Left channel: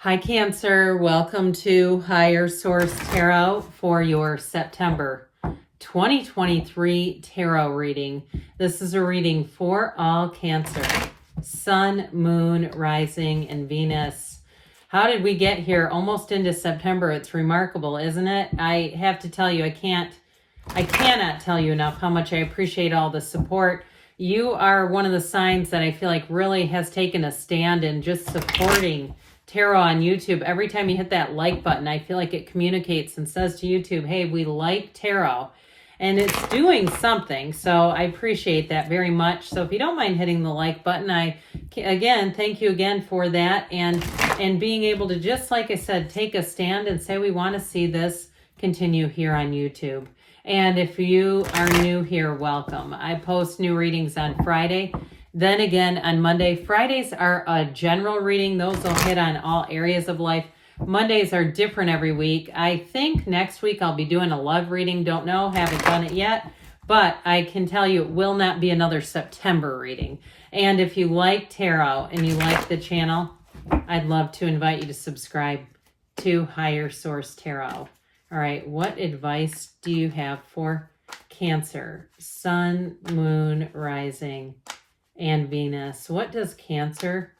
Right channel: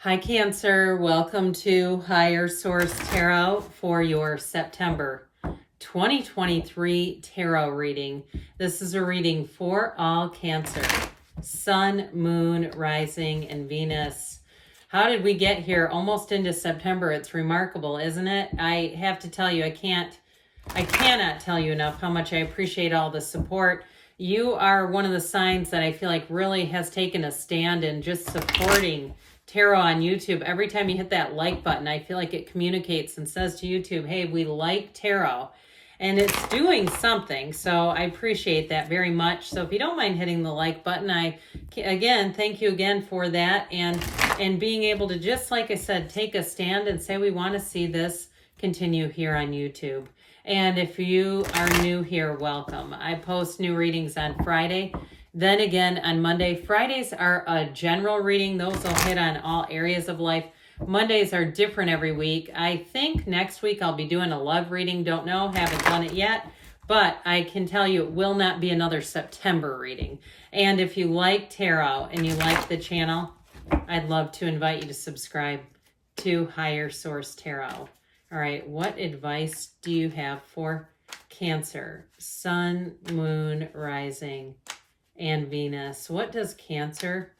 Hi, Cancer. Welcome to Higher Source Tarot for your September 2023 tarot reading. This is a reading for all Cancer, Sun, Moon, Rising, and Venus. How did we get here almost into September? It's remarkable, isn't it? I have to tell you, I cannot tell you enough how much I appreciate all the support. You are one of the signs that I feel like really has taken a stand in just supporting tarot on YouTube. Every time you hit that like button, I feel like it communicates and says to YouTube, hey, we like tarot. And it's doing something. So I appreciate that very much. So if you don't mind hitting the like button, thank you again for that. And being able to, just like I said, take a stand and say we want to see this continue here on YouTube. And if you are new here, welcome. I post new readings on Friday. Then again on Monday. Fridays are a general reading. Those will hit on all areas of life. Mondays are different every week. I think next week I'll be doing a love reading. Don't know, haven't done it yet. But I can tell you it will not be another September reading. And if you like tarot and you like the channel, I'd love to invite you to subscribe to Higher Source Tarot. All right, what advice do you have for Cancer, Sun, Moon, Rising, and Venus? What does Cancer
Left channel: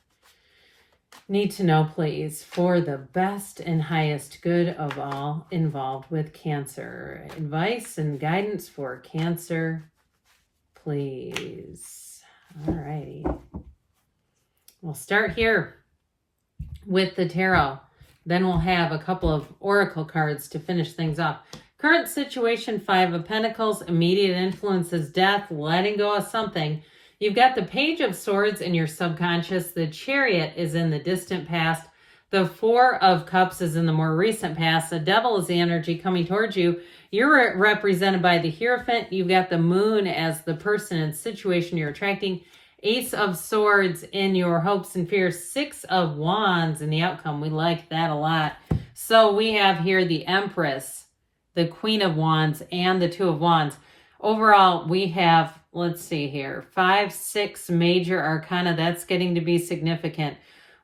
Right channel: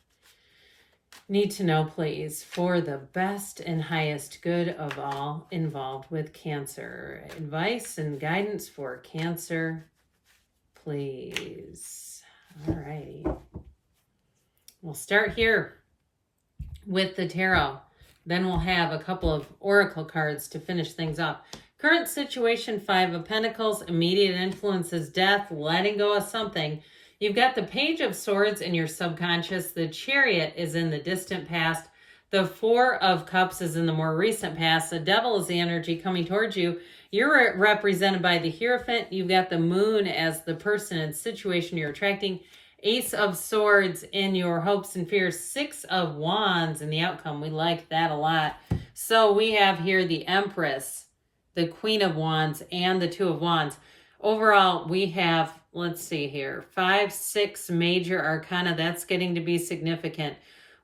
need to know, please, for the best and highest good of all involved with Cancer? Advice and guidance for Cancer, please. All righty. We'll start here with the tarot. Then we'll have a couple of oracle cards to finish things off. Current situation, 5 of Pentacles, immediate influences, death, letting go of something. You've got the Page of Swords in your subconscious. The Chariot is in the distant past. The 4 of Cups is in the more recent past. The Devil is the energy coming towards you. You're represented by the Hierophant. You've got the Moon as the person and situation you're attracting. Ace of Swords in your hopes and fears. 6 of Wands in the outcome. We like that a lot. So we have here the Empress, the Queen of Wands, and the 2 of Wands. Overall, we have, let's see here, 5, 6 major arcana. That's getting to be significant.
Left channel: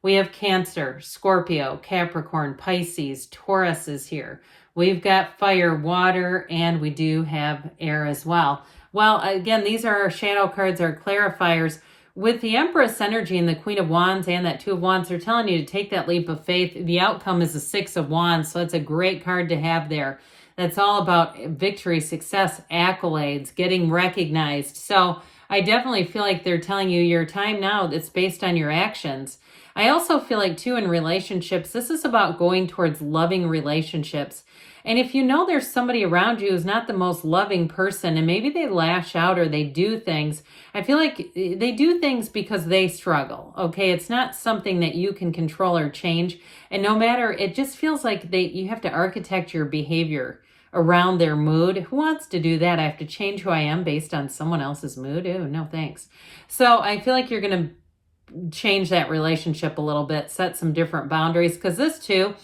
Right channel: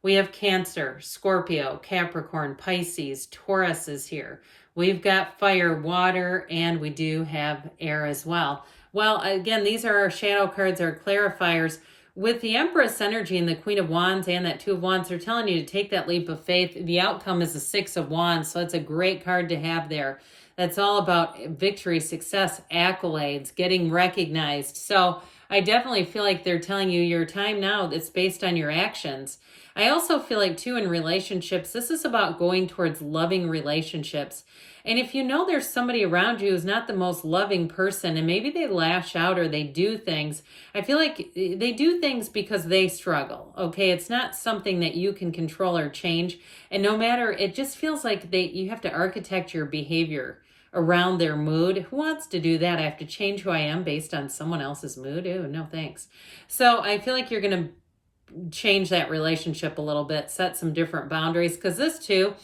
We have Cancer, Scorpio, Capricorn, Pisces, Taurus is here. We've got fire, water, and we do have air as well. Well, again, these are our shadow cards, our clarifiers. With the Empress energy and the Queen of Wands and that 2 of Wands, they're telling you to take that leap of faith. The outcome is the 6 of Wands, so it's a great card to have there. That's all about victory, success, accolades, getting recognized. So I definitely feel like they're telling you your time now that's based on your actions. I also feel like, too, in relationships, this is about going towards loving relationships. And if you know there's somebody around you who's not the most loving person, and maybe they lash out or they do things, I feel like they do things because they struggle, okay? It's not something that you can control or change. And no matter, it just feels like you have to architect your behavior around their mood. Who wants to do that? I have to change who I am based on someone else's mood? Ew, no thanks. So I feel like you're going to change that relationship a little bit, set some different boundaries, because this too,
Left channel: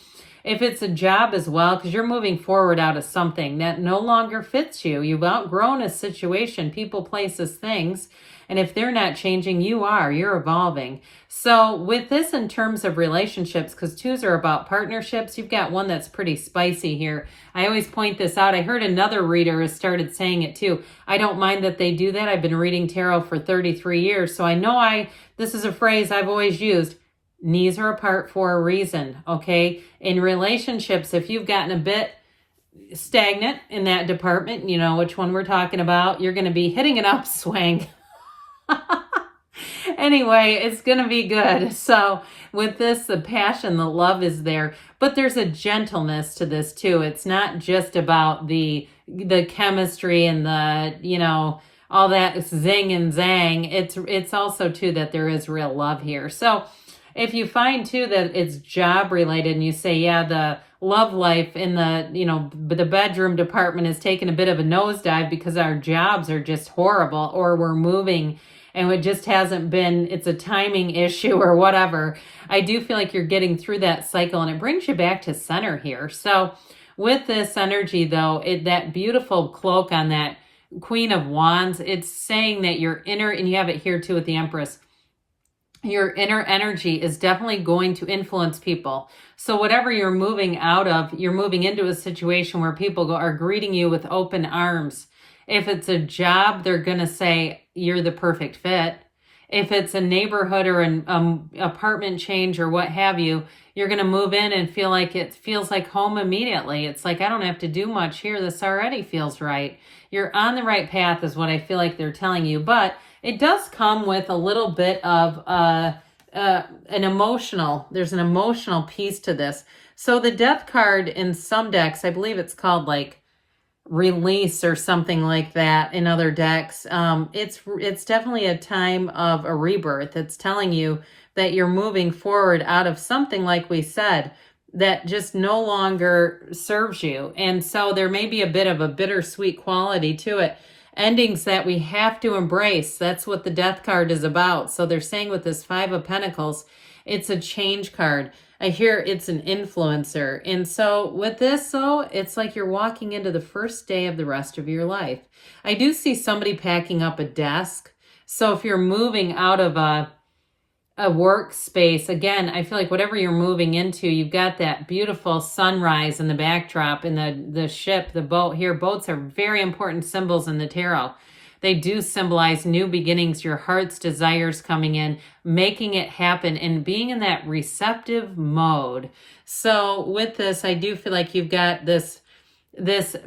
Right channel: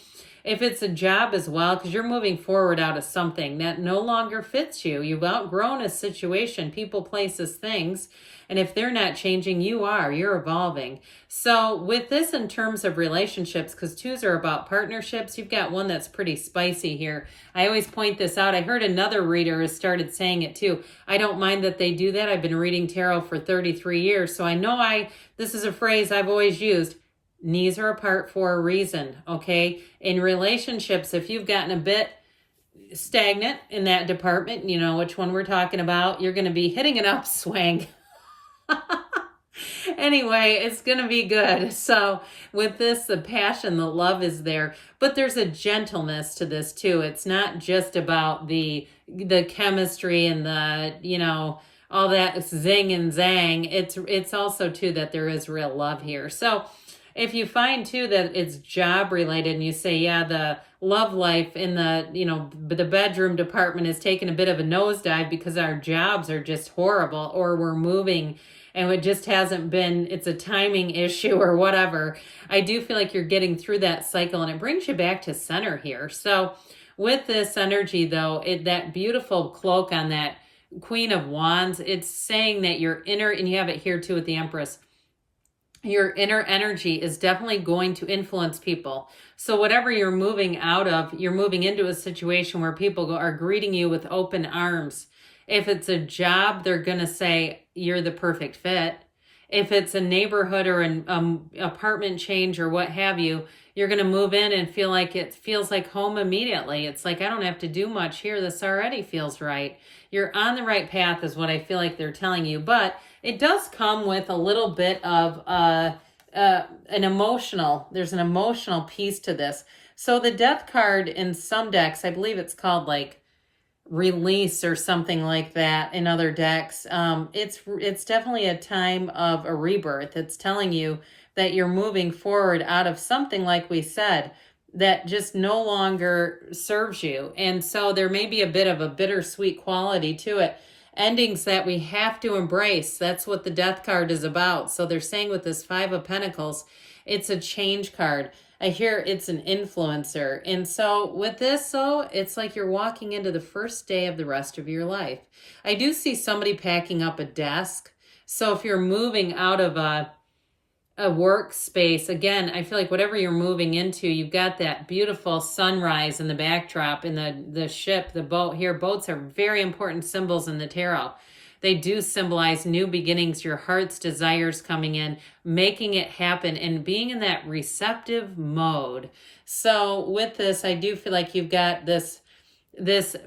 if it's a job as well, because you're moving forward out of something that no longer fits you. You've outgrown a situation, people, places, things. And if they're not changing, you're evolving. So with this in terms of relationships, because 2s are about partnerships, you've got one that's pretty spicy here. I always point this out. I heard another reader has started saying it too. I don't mind that they do that. I've been reading tarot for 33 years. So I know this is a phrase I've always used. Knees are apart for a reason, okay? In relationships, if you've gotten a bit stagnant in that department, you know which one we're talking about, you're going to be hitting an upswing. Anyway, it's going to be good. So with this, the passion, the love is there, but there's a gentleness to this too. It's not just about the chemistry and all that zing and zang. It's also too that there is real love here. So if you find too that it's job related and you say, yeah, the love life in the bedroom department is taking a bit of a nosedive because our jobs are just horrible, or we're moving and it just hasn't been, it's a timing issue or whatever. I do feel like you're getting through that cycle and it brings you back to center here. So with this energy though, that beautiful cloak on that Queen of Wands, it's saying that you're inner, and you have it here too with the Empress, your inner energy is definitely going to influence people. So whatever you're moving out of, you're moving into a situation where people are greeting you with open arms. If it's a job, they're going to say you're the perfect fit. If it's a neighborhood or an apartment change or what have you, you're going to move in and feel like it feels like home immediately. It's like, I don't have to do much here. This already feels right. You're on the right path is what I feel like they're telling you. But it does come with a little bit of an emotional, there's an emotional piece to this. So the death card in some decks, I believe it's called like release or something like that in other decks. It's definitely a time of a rebirth. It's telling you that you're moving forward out of something, like we said, that just no longer serves you. And so there may be a bit of a bittersweet quality to it. Endings that we have to embrace. That's what the death card is about. So they're saying with this Five of Pentacles, it's a change card. I hear it's an influencer. And so with this, though, it's like you're walking into the first day of the rest of your life. I do see somebody packing up a desk. So if you're moving out of a workspace, again, I feel like whatever you're moving into, you've got that beautiful sunrise in the backdrop, and the ship, the boat here. Boats are very important symbols in the tarot. They do symbolize new beginnings, your heart's desires coming in, making it happen, and being in that receptive mode. So with this, I do feel like you've got this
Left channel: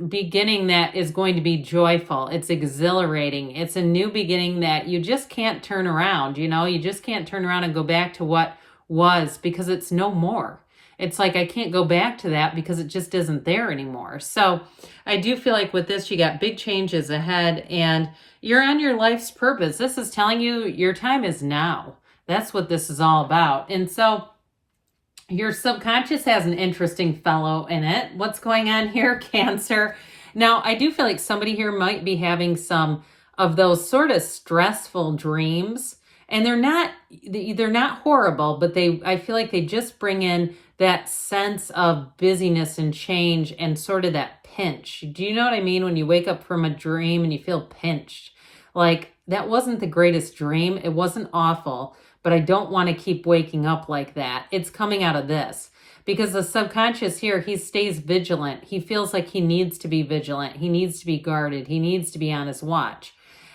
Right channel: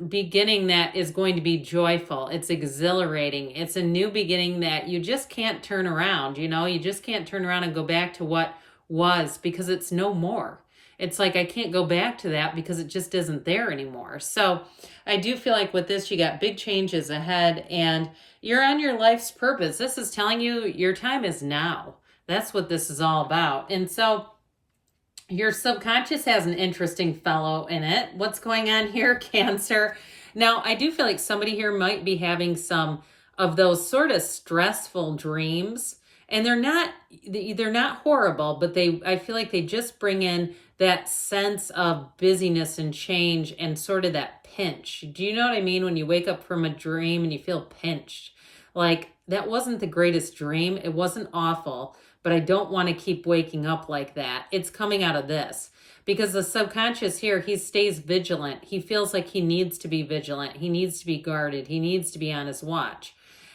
beginning that is going to be joyful. It's exhilarating. It's a new beginning that you just can't turn around. You just can't turn around and go back to what was, because it's no more. It's like, I can't go back to that because it just isn't there anymore. So I do feel like with this, you got big changes ahead and you're on your life's purpose. This is telling you your time is now. That's what this is all about. And so your subconscious has an interesting fellow in it. What's going on here, Cancer? Now, I do feel like somebody here might be having some of those sort of stressful dreams. And they're not horrible, but I feel like they just bring in that sense of busyness and change and sort of that pinch. Do you know what I mean? When you wake up from a dream and you feel pinched, like that wasn't the greatest dream. It wasn't awful, but I don't want to keep waking up like that. It's coming out of this because the subconscious here, he stays vigilant. He feels like he needs to be vigilant. He needs to be guarded. He needs to be on his watch.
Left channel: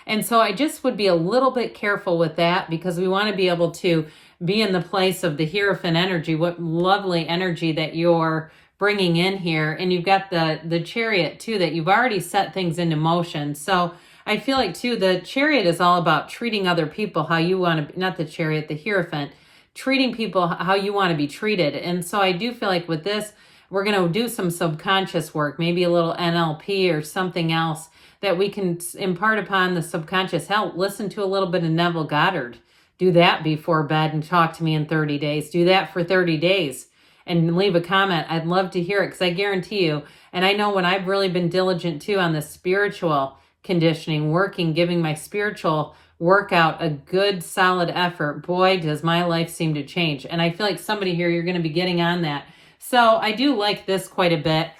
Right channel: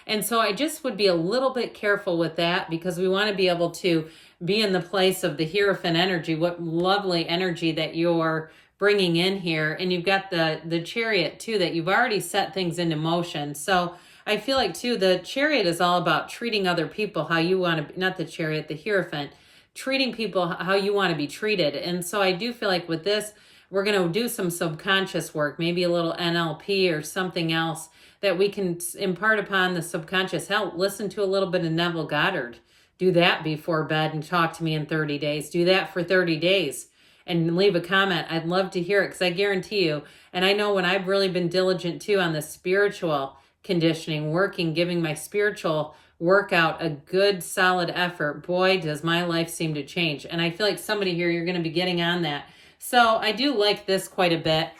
And so I just would be a little bit careful with that because we want to be able to be in the place of the Hierophant energy. What lovely energy that you're bringing in here. And you've got the Chariot too, that you've already set things into motion. So I feel like too, the Chariot is all about treating other people how you want to, not the Chariot, the Hierophant, treating people how you want to be treated. And so I do feel like with this, we're going to do some subconscious work, maybe a little NLP or something else that we can impart upon the subconscious. Hell, listen to a little bit of Neville Goddard. Do that before bed and talk to me in 30 days. Do that for 30 days and leave a comment. I'd love to hear it because I guarantee you, and I know when I've really been diligent too on the spiritual conditioning, working, giving my spiritual workout a good solid effort, boy, does my life seem to change. And I feel like somebody here, you're going to be getting on that. So I do like this quite a bit.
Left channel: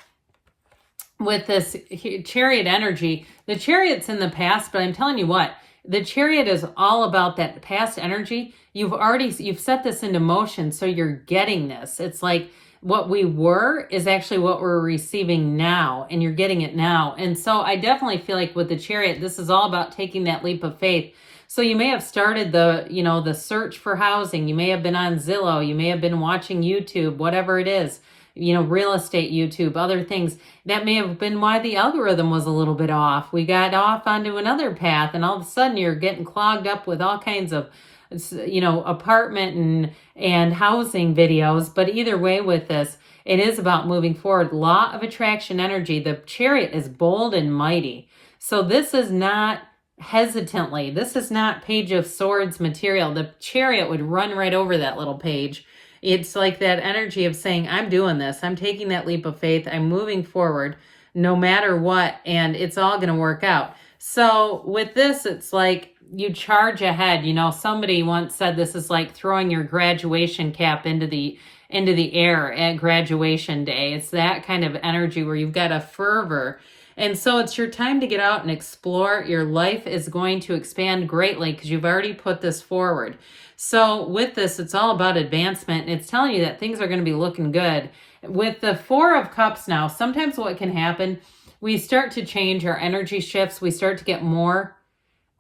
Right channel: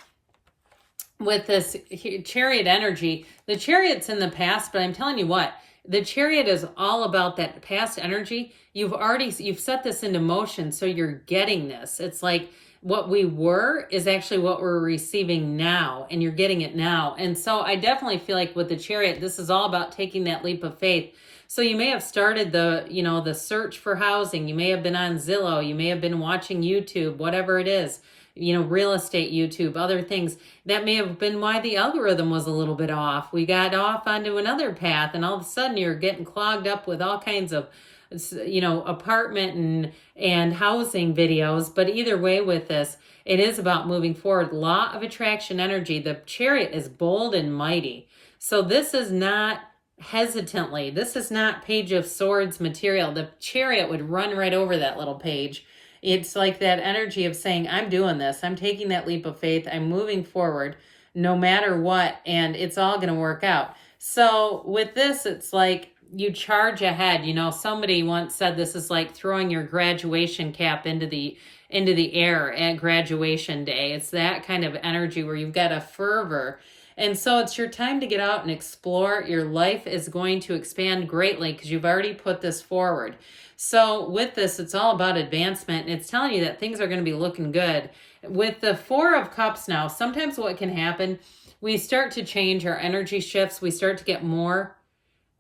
With this Chariot energy, the Chariot's in the past, but I'm telling you what, the Chariot is all about that past energy. You've set this into motion, so you're getting this. It's like what we were is actually what we're receiving now, and you're getting it now. And so I definitely feel like with the Chariot, this is all about taking that leap of faith. So you may have started the search for housing. You may have been on Zillow. You may have been watching YouTube, whatever it is. Real estate YouTube, other things. That may have been why the algorithm was a little bit off. We got off onto another path, and all of a sudden you're getting clogged up with all kinds of, apartment and housing videos. But either way with this, it is about moving forward. Law of attraction energy. The Chariot is bold and mighty. So this is not hesitantly. This is not Page of Swords material. The Chariot would run right over that little page. It's like that energy of saying, I'm doing this. I'm taking that leap of faith. I'm moving forward no matter what, and it's all going to work out. So with this, it's like you charge ahead. Somebody once said this is like throwing your graduation cap into the air at graduation day. It's that kind of energy where you've got a fervor. And so it's your time to get out and explore. Your life is going to expand greatly because you've already put this forward. So with this, it's all about advancement, and it's telling you that things are going to be looking good. With the Four of Cups now, sometimes what can happen, we start to change our energy shifts. We start to get more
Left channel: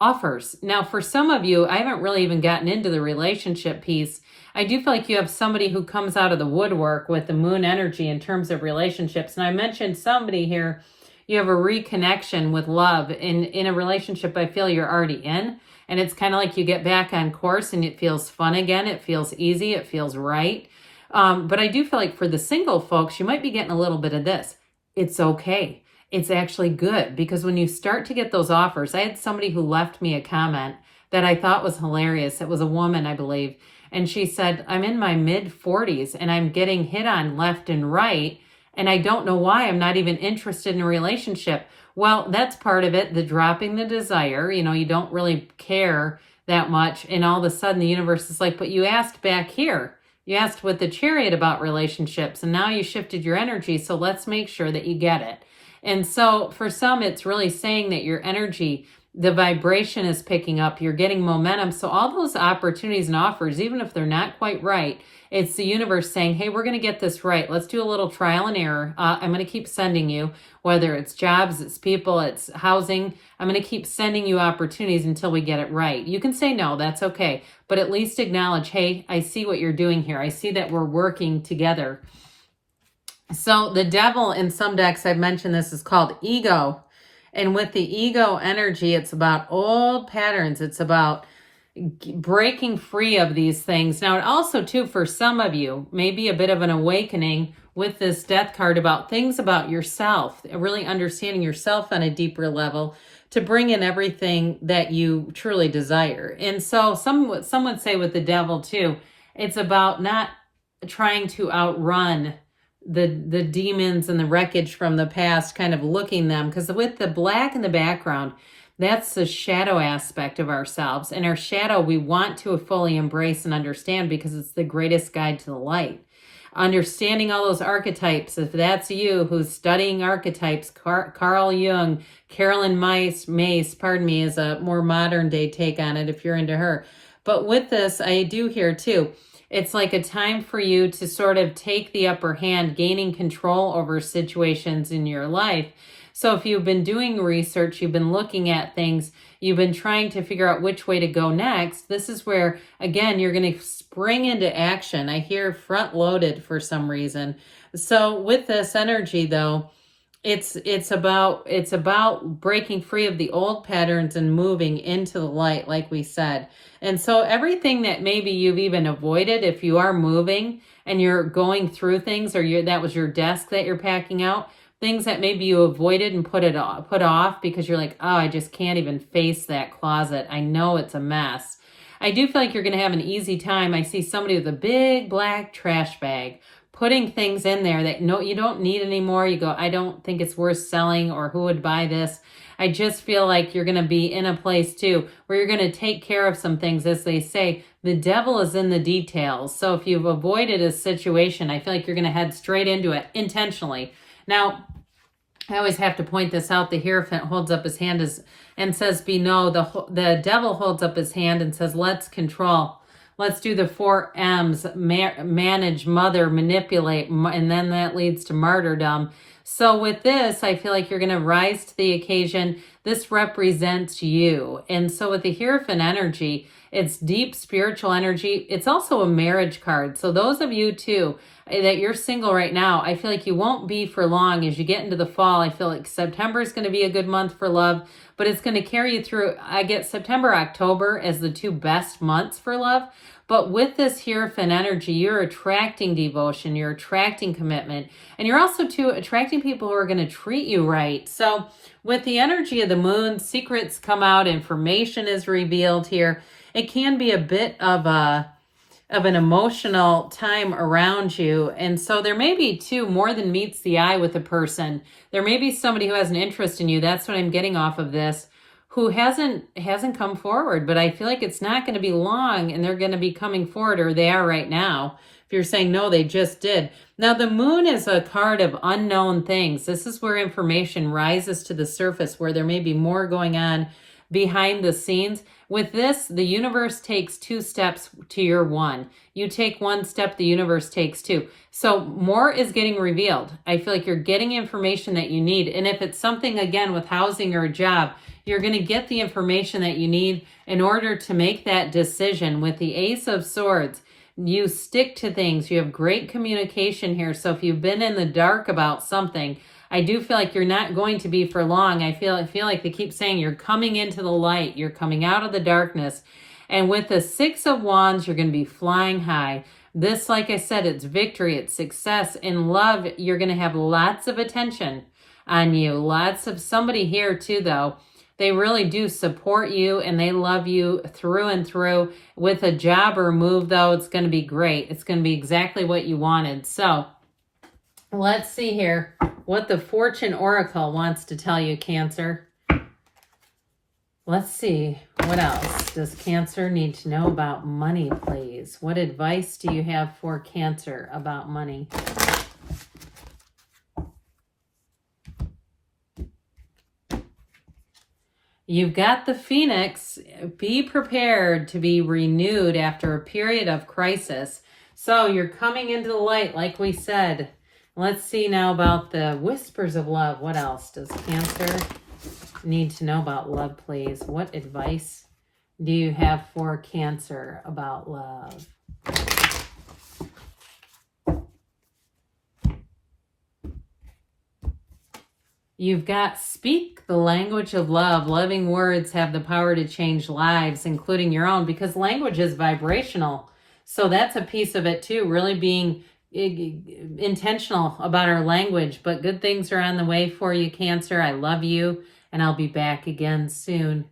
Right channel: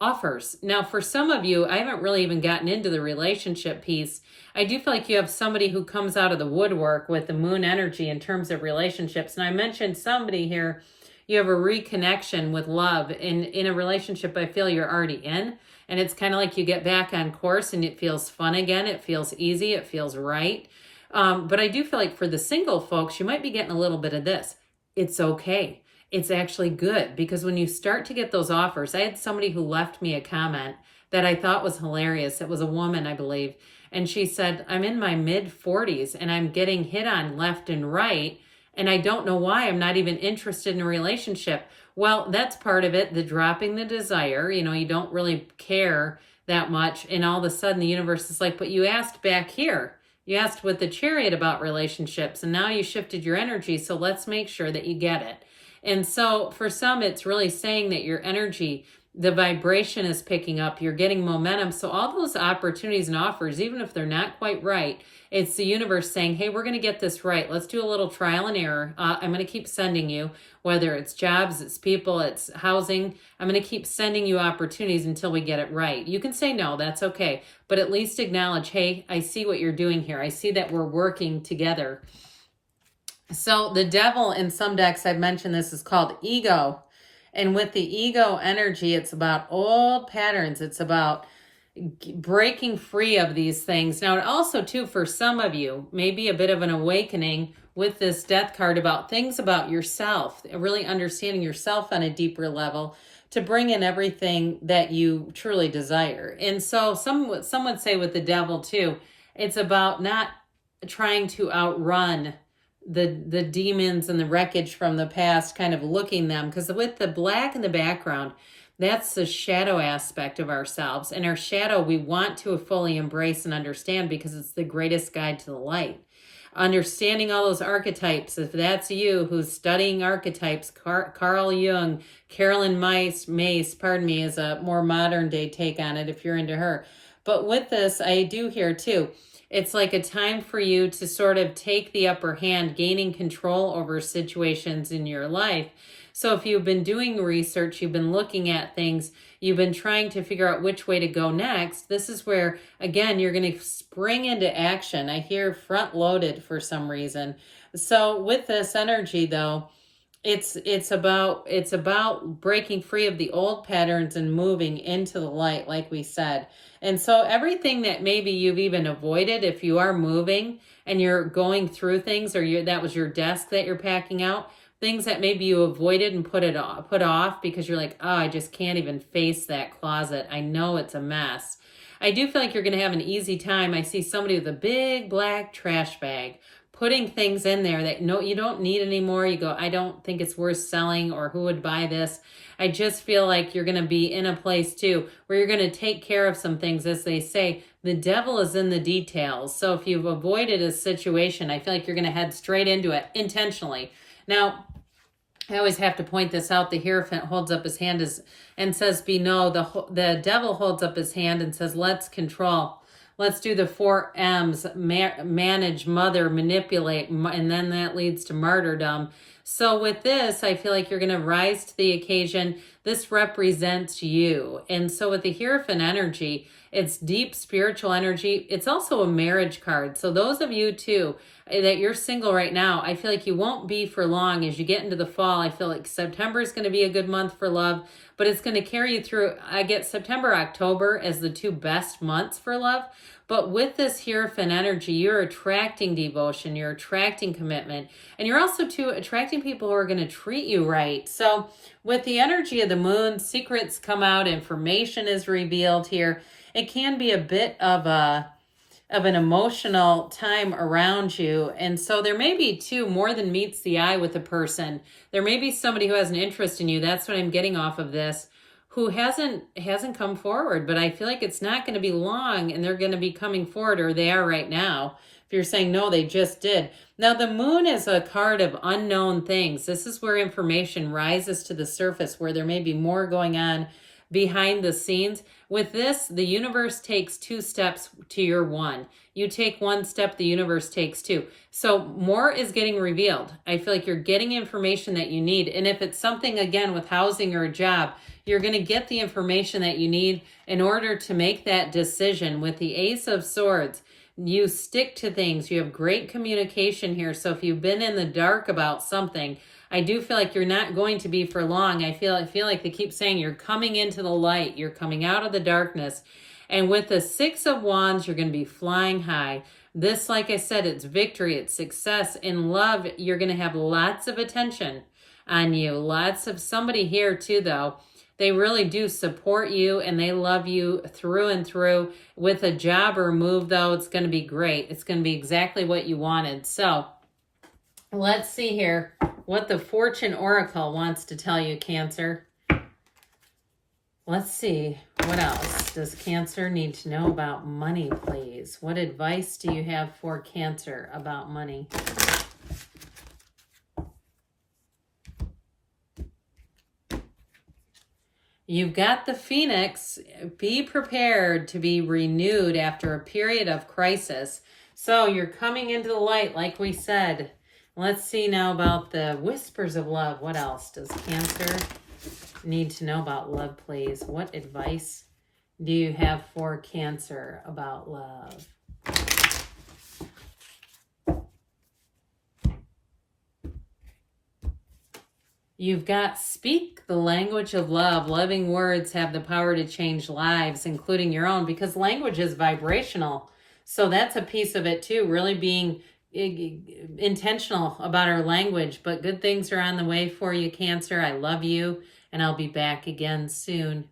offers. Now, for some of you, I haven't really even gotten into the relationship piece. I do feel like you have somebody who comes out of the woodwork with the moon energy in terms of relationships. And I mentioned somebody here, you have a reconnection with love in a relationship I feel you're already in. And it's kind of like you get back on course and it feels fun again. It feels easy. It feels right. But I do feel like for the single folks, you might be getting a little bit of this. It's okay. It's actually good, because when you start to get those offers, I had somebody who left me a comment that I thought was hilarious. It was a woman, I believe. And she said, I'm in my mid 40s and I'm getting hit on left and right. And I don't know why. I'm not even interested in a relationship. Well, that's part of it. The dropping the desire, you don't really care that much. And all of a sudden the universe is like, but you asked back here. You asked with the Chariot about relationships, and now you shifted your energy. So let's make sure that you get it. And so for some, it's really saying that your energy, the vibration is picking up, you're getting momentum. So all those opportunities and offers, even if they're not quite right, it's the universe saying, hey, we're going to get this right. Let's do a little trial and error. I'm going to keep sending you, whether it's jobs, it's people, it's housing. I'm going to keep sending you opportunities until we get it right. You can say no, that's okay. But at least acknowledge, hey, I see what you're doing here. I see that we're working together. So the Devil in some decks, I've mentioned this, is called ego. And with the ego energy, it's about old patterns. It's about breaking free of these things. Now, it also, too, for some of you, maybe a bit of an awakening with this Death card about things about yourself, really understanding yourself on a deeper level to bring in everything that you truly desire. And so some would say with the Devil, too, it's about not trying to outrun the demons and the wreckage from the past, kind of looking them, because with the black in the background, that's the shadow aspect of ourselves. And our shadow, we want to fully embrace and understand, because it's the greatest guide to the light. Understanding all those archetypes, if that's you who's studying archetypes, Carl Jung, Carolyn Mace, is a more modern day take on it if you're into her. But with this, I do hear too, it's like a time for you to sort of take the upper hand, gaining control over situations in your life. So if you've been doing research, you've been looking at things, you've been trying to figure out which way to go next, this is where, again, you're going to spring into action. I hear front loaded for some reason. So with this energy, though, it's about breaking free of the old patterns and moving into the light, like we said. And so everything that maybe you've even avoided, if you are moving and you're going through things, or that was your desk that you're packing out, things that maybe you avoided and put off because you're like, oh, I just can't even face that closet. I know it's a mess. I do feel like you're going to have an easy time. I see somebody with a big black trash bag putting things in there that you don't need anymore. You go, I don't think it's worth selling, or who would buy this? I just feel like you're going to be in a place too where you're going to take care of some things. As they say, the devil is in the details. So if you've avoided a situation, I feel like you're going to head straight into it intentionally. Now, I always have to point this out. The Hierophant holds up his hand and says, be no. The devil holds up his hand and says, let's control. Let's do the 4 M's, manage, mother, manipulate, and then that leads to martyrdom. So with this, I feel like you're going to rise to the occasion. This represents you. And so with the Hierophant energy, it's deep spiritual energy. It's also a marriage card. So those of you too, that you're single right now, I feel like you won't be for long. As you get into the fall, I feel like September is going to be a good month for love, but it's going to carry you through. I get September, October as the 2 best months for love. But with this Hierophant energy, you're attracting devotion, you're attracting commitment, and you're also too attracting people who are going to treat you right. So with the energy of the moon, secrets come out, information is revealed here. It can be a bit of an emotional time around you. And so there may be too more than meets the eye with a person. There may be somebody who has an interest in you. That's what I'm getting off of this, who hasn't come forward, but I feel like it's not going to be long and they're going to be coming forward, or they are right now. If you're saying no, they just did. Now the moon is a card of unknown things. This is where information rises to the surface, where there may be more going on behind the scenes. With this, the universe takes 2 steps to your 1. You take 1 step, the universe takes 2. So more is getting revealed. I feel like you're getting information that you need. And if it's something, again, with housing or a job, you're going to get the information that you need in order to make that decision. With the Ace of Swords, you stick to things. You have great communication here. So if you've been in the dark about something, I do feel like you're not going to be for long. I feel like they keep saying you're coming into the light. You're coming out of the darkness. And with the 6 of Wands, you're going to be flying high. This, like I said, it's victory, it's success. In love, you're going to have lots of attention on you. Lots of somebody here too, though. They really do support you and they love you through and through. With a job or move, though, it's going to be great. It's going to be exactly what you wanted. So let's see here what the Fortune Oracle wants to tell you, Cancer. Let's see. What else does Cancer need to know about money, please? What advice do you have for Cancer about money? You've got the Phoenix. Be prepared to be renewed after a period of crisis. So you're coming into the light, like we said. Let's see now about the Whispers of Love. What else does Cancer need to know about love, please? What advice do you have for Cancer about love? You've got speak the language of love. Loving words have the power to change lives, including your own, because language is vibrational. So that's a piece of it too, really being intentional about our language. But good things are on the way for you, Cancer. I love you, and I'll be back again soon.